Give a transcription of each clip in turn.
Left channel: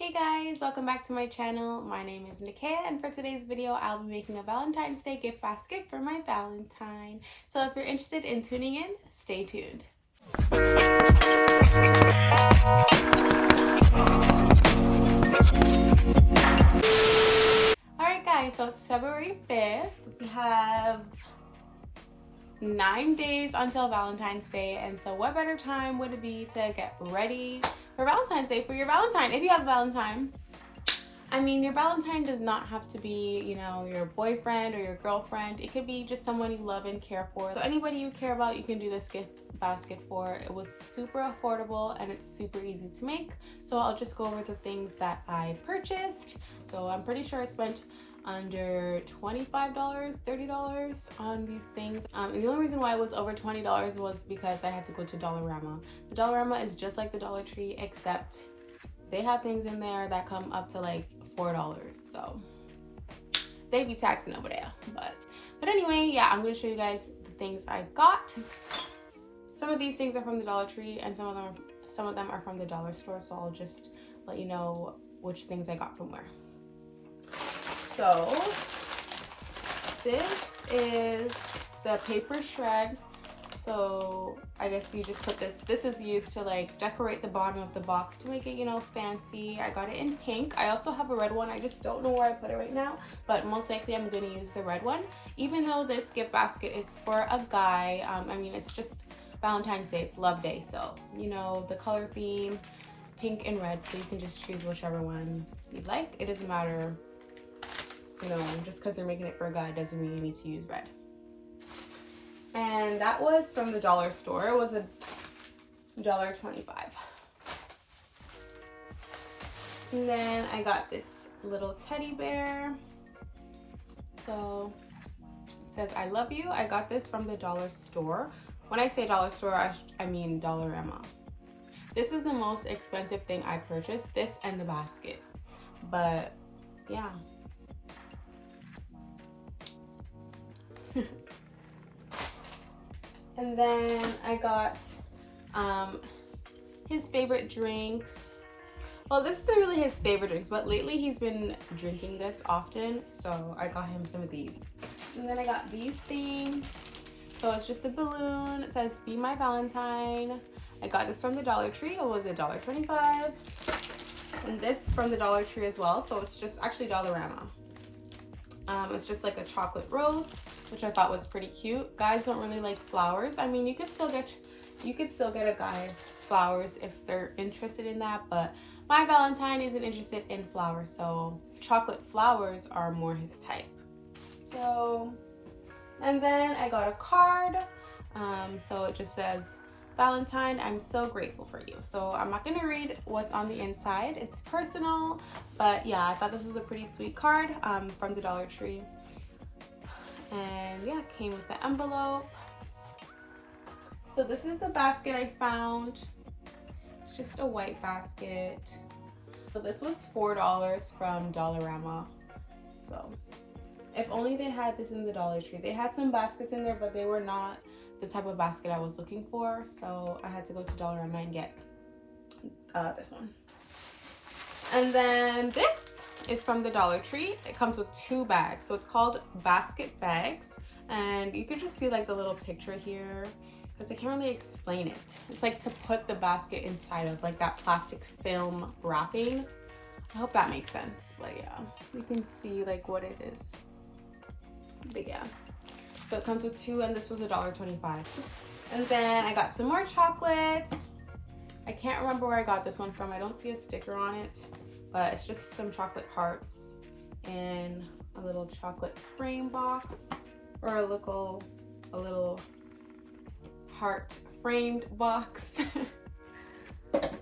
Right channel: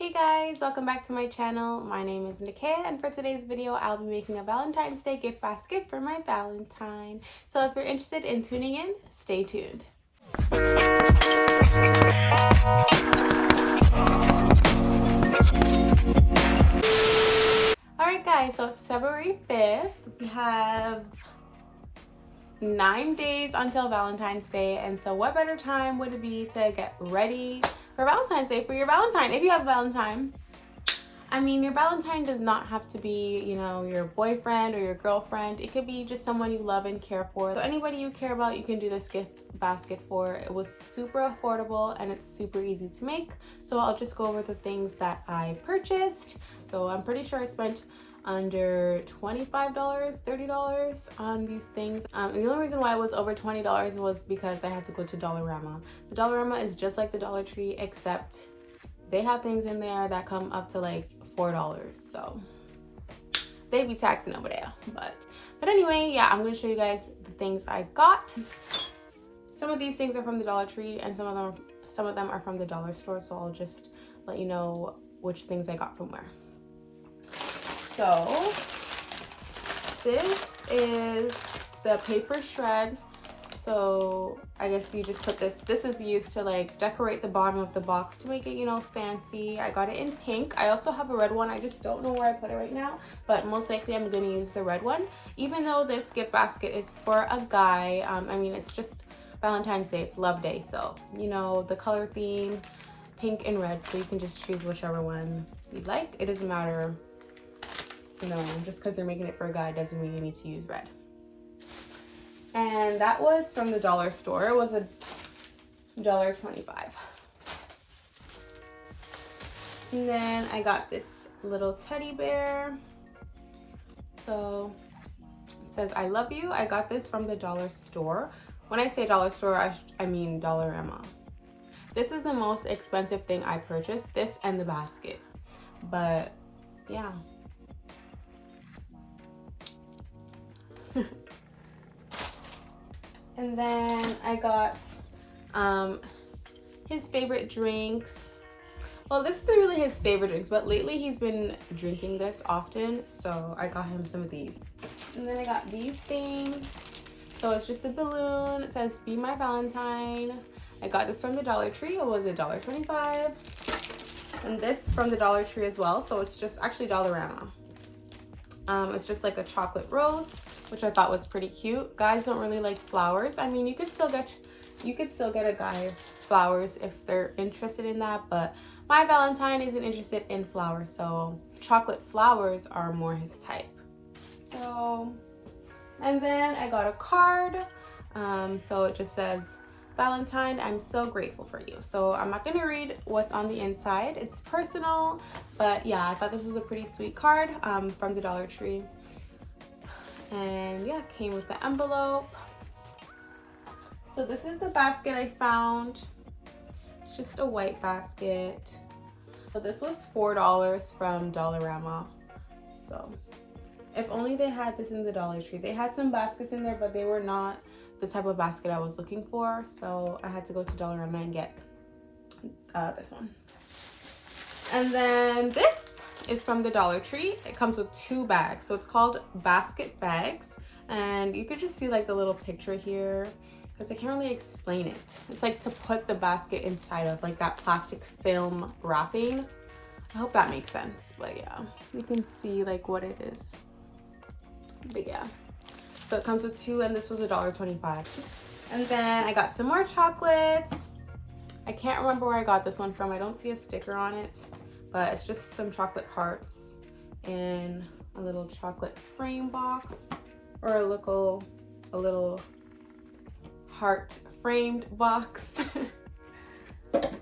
Hey guys, welcome back to my channel. My name is Nickayaa, and for today's video, I'll be making a Valentine's Day gift basket for my Valentine. So if you're interested in tuning in, stay tuned. Alright guys, so it's February 5th. We have 9 days until Valentine's Day, and so what better time would it be to get ready for Valentine's Day for your Valentine, if you have a Valentine. I mean, your Valentine does not have to be, your boyfriend or your girlfriend. It could be just someone you love and care for. So anybody you care about, you can do this gift basket for. It was super affordable and it's super easy to make. So I'll just go over the things that I purchased. So I'm pretty sure I spent under $25, $30 on these things. And the only reason why it was over $20 was because I had to go to Dollarama. The Dollarama is just like the Dollar Tree, except they have things in there that come up to like $4. So they be taxing over there. But anyway, yeah, I'm gonna show you guys the things I got. Some of these things are from the Dollar Tree and some of them are from the dollar store. So I'll just let you know which things I got from where. So this is the paper shred. So I guess you just put this is used to like decorate the bottom of the box to make it, fancy. I got it in pink. I also have a red one. I just don't know where I put it right now, but most likely I'm going to use the red one. Even though this gift basket is for a guy, I mean, it's just Valentine's Day, it's love day. So, the color theme, pink and red. So you can just choose whichever one you like. It doesn't matter. Just because you're making it for a guy doesn't mean you need to use red. And that was from the dollar store. It was $1.25. And then I got this little teddy bear. So it says, I love you. I got this from the dollar store. When I say dollar store, I mean Dollarama. This is the most expensive thing I purchased, this and the basket. But yeah. And then I got his favorite drinks. Well, this isn't really his favorite drinks, but lately he's been drinking this often, so I got him some of these. And then I got these things. So it's just a balloon. It says, Be My Valentine. I got this from the Dollar Tree. It was $1.25. And this from the Dollar Tree as well. So it's just actually Dollarama. It's just like a chocolate rose, which I thought was pretty cute. Guys don't really like flowers. I mean, you could still get a guy flowers if they're interested in that, but my Valentine isn't interested in flowers, so chocolate flowers are more his type. So, and then I got a card. So it just says, Valentine, I'm so grateful for you. So I'm not gonna read what's on the inside. It's personal, but yeah, I thought this was a pretty sweet card from the Dollar Tree. And yeah, came with the envelope. So this is the basket I found. It's just a white basket. So this was $4 from Dollarama. So if only they had this in the Dollar Tree. They had some baskets in there, but they were not the type of basket I was looking for. So I had to go to Dollarama and get this one. And then this is from the Dollar Tree. It comes with 2 bags. So it's called basket bags. And you can just see like the little picture here, because I can't really explain it. It's like to put the basket inside of, like that plastic film wrapping. I hope that makes sense, but yeah, you can see like what it is. But yeah, so it comes with 2, and this was $1.25. And then I got some more chocolates. I can't remember where I got this one from. I don't see a sticker on it, but it's just some chocolate hearts in a little chocolate frame box, or a little heart framed box.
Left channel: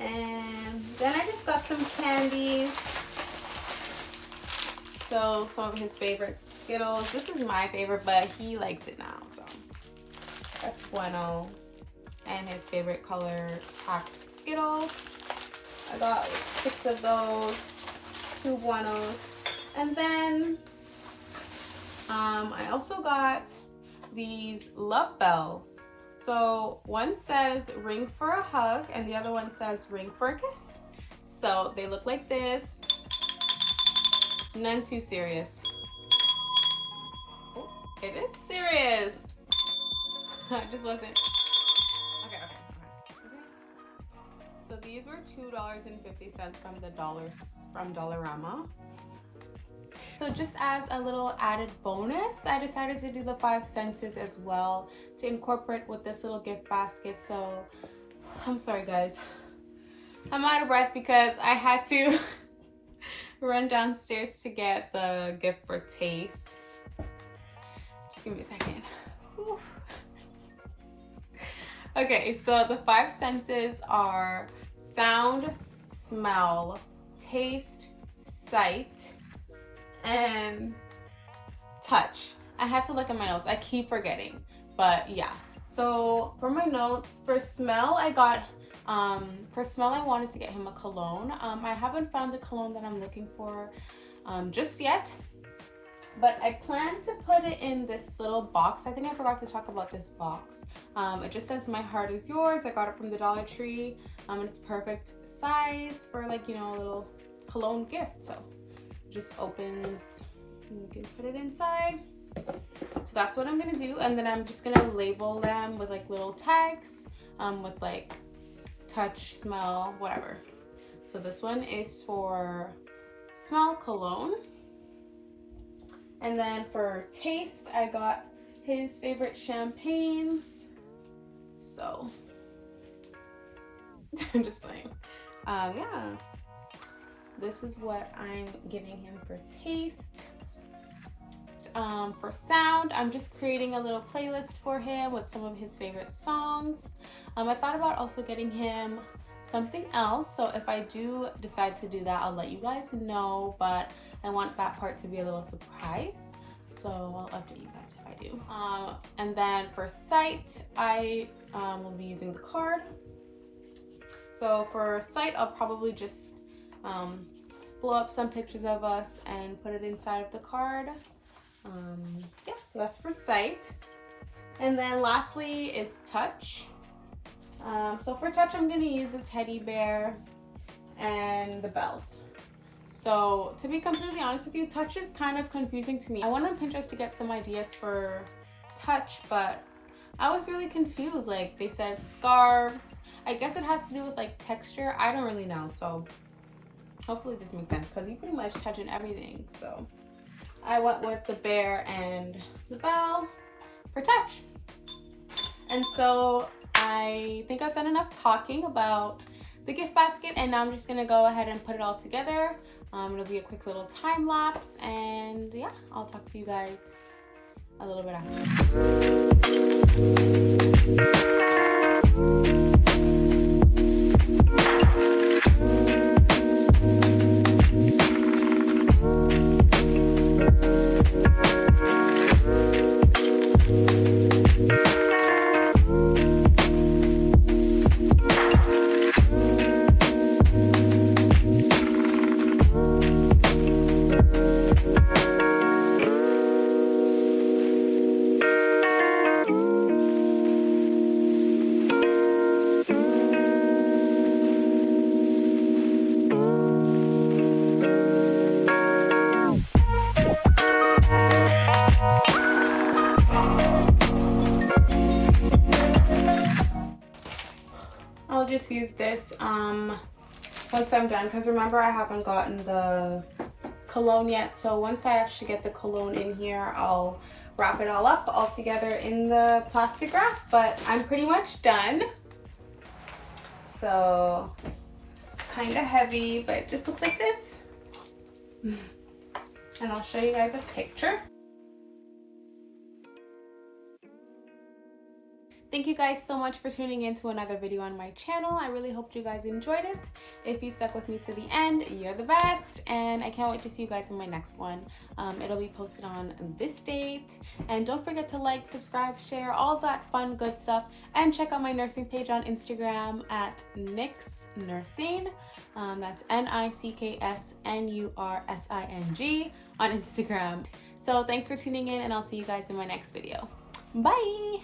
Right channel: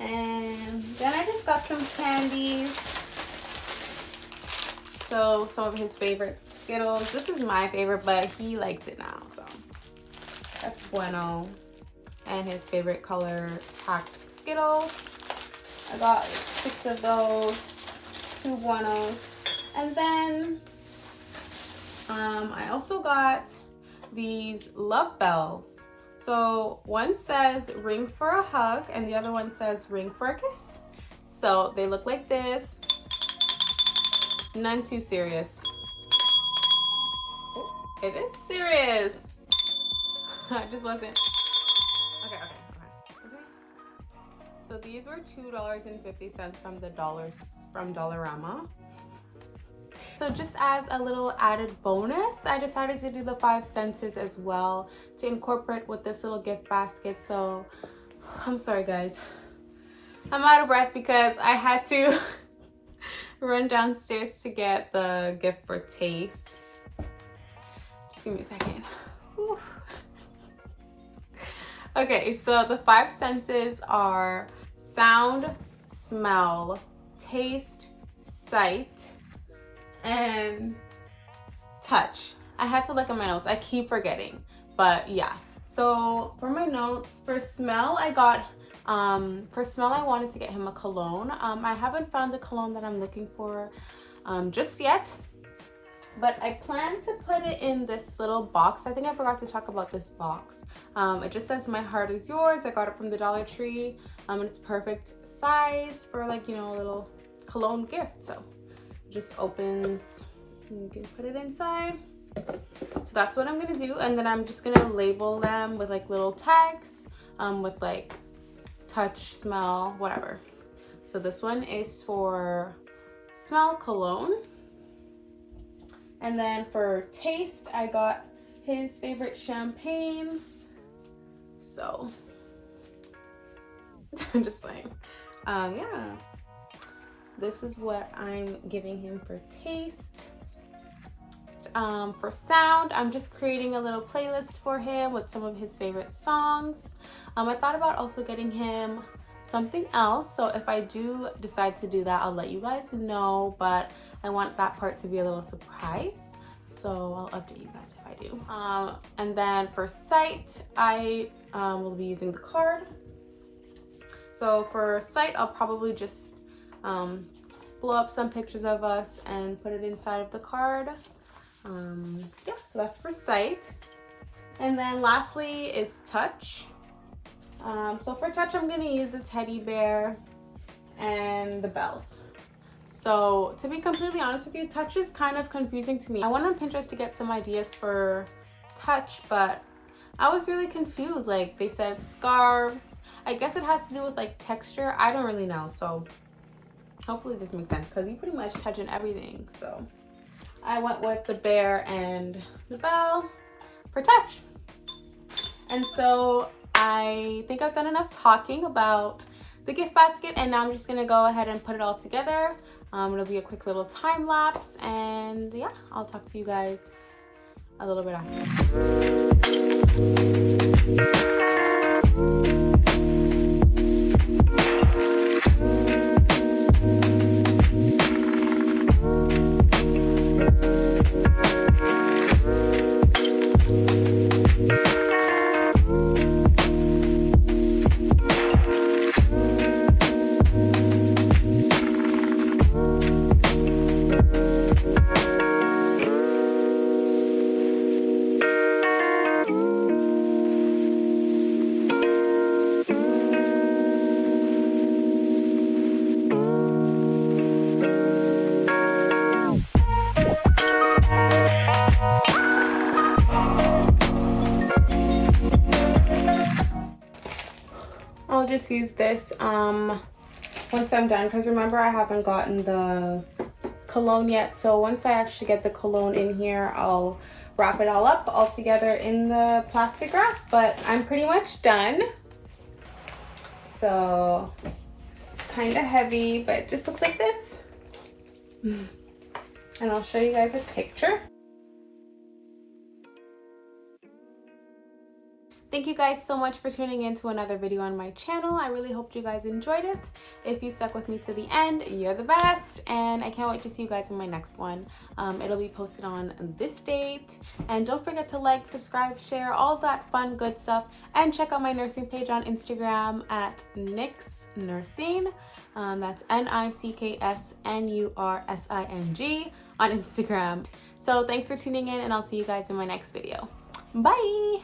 And then I just got some candies. So some of his favorites, Skittles. This is my favorite, but he likes it now, so that's bueno. And his favorite color packed Skittles. I got like 6 of those, 2 buenos. And then I also got these love bells. So one says ring for a hug and the other one says ring for a kiss. So they look like this. None too serious. Oh, it is serious. I just wasn't. Okay. So these were $2.50 from Dollarama. So just as a little added bonus, I decided to do the 5 senses as well to incorporate with this little gift basket. So I'm sorry guys, I'm out of breath because I had to run downstairs to get the gift for taste. Just give me a second. Whew. Okay, so the 5 senses are sound, smell, taste, sight, and touch. I had to look at my notes. I keep forgetting, but yeah. So for my notes, for smell, I got, I wanted to get him a cologne. I haven't found the cologne that I'm looking for just yet, but I plan to put it in this little box. I think I forgot to talk about this box. It just says "My heart is yours." I got it from the Dollar Tree. It's perfect size for, like, you know, a little cologne gift. So just opens and you can put it inside. So that's what I'm gonna do, and then I'm just gonna label them with like little tags with like touch, smell, whatever. So this one is for smell, cologne, and then for taste I got his favorite champagnes. So I'm just playing. Yeah, this is what I'm giving him for taste. For sound, I'm just creating a little playlist for him with some of his favorite songs. I thought about also getting him something else, so if I do decide to do that, I'll let you guys know, but I want that part to be a little surprise, so I'll update you guys if I do. And then for sight, I will be using the card. So for sight, I'll probably just blow up some pictures of us and put it inside of the card. Yeah, so that's for sight. And then lastly is touch. So for touch, I'm gonna use the teddy bear and the bells. So to be completely honest with you, touch is kind of confusing to me. I went on Pinterest to get some ideas for touch, but I was really confused. Like, they said scarves. I guess it has to do with like texture. I don't really know. So hopefully this makes sense, because you pretty much touch in everything. So I went with the bear and the bell for touch. And so I think I've done enough talking about the gift basket, and now I'm just gonna go ahead and put it all together. It'll be a quick little time lapse, and yeah, I'll talk to you guys a little bit I'll just use this once I'm done, because remember, I haven't gotten the cologne yet. So once I actually get the cologne in here, I'll wrap it all up all together in the plastic wrap. But I'm pretty much done. So it's kind of heavy, but it just looks like this. And I'll show you guys a picture. Thank you guys so much for tuning in to another video on my channel. I really hope you guys enjoyed it. If you stuck with me to the end, you're the best. And I can't wait to see you guys in my next one. It'll be posted on this date. And don't forget to like, subscribe, share, all that fun, good stuff. And check out my nursing page on Instagram at Nick's Nursing. That's NICKSNURSING on Instagram. So thanks for tuning in, and I'll see you guys in my next video. Bye!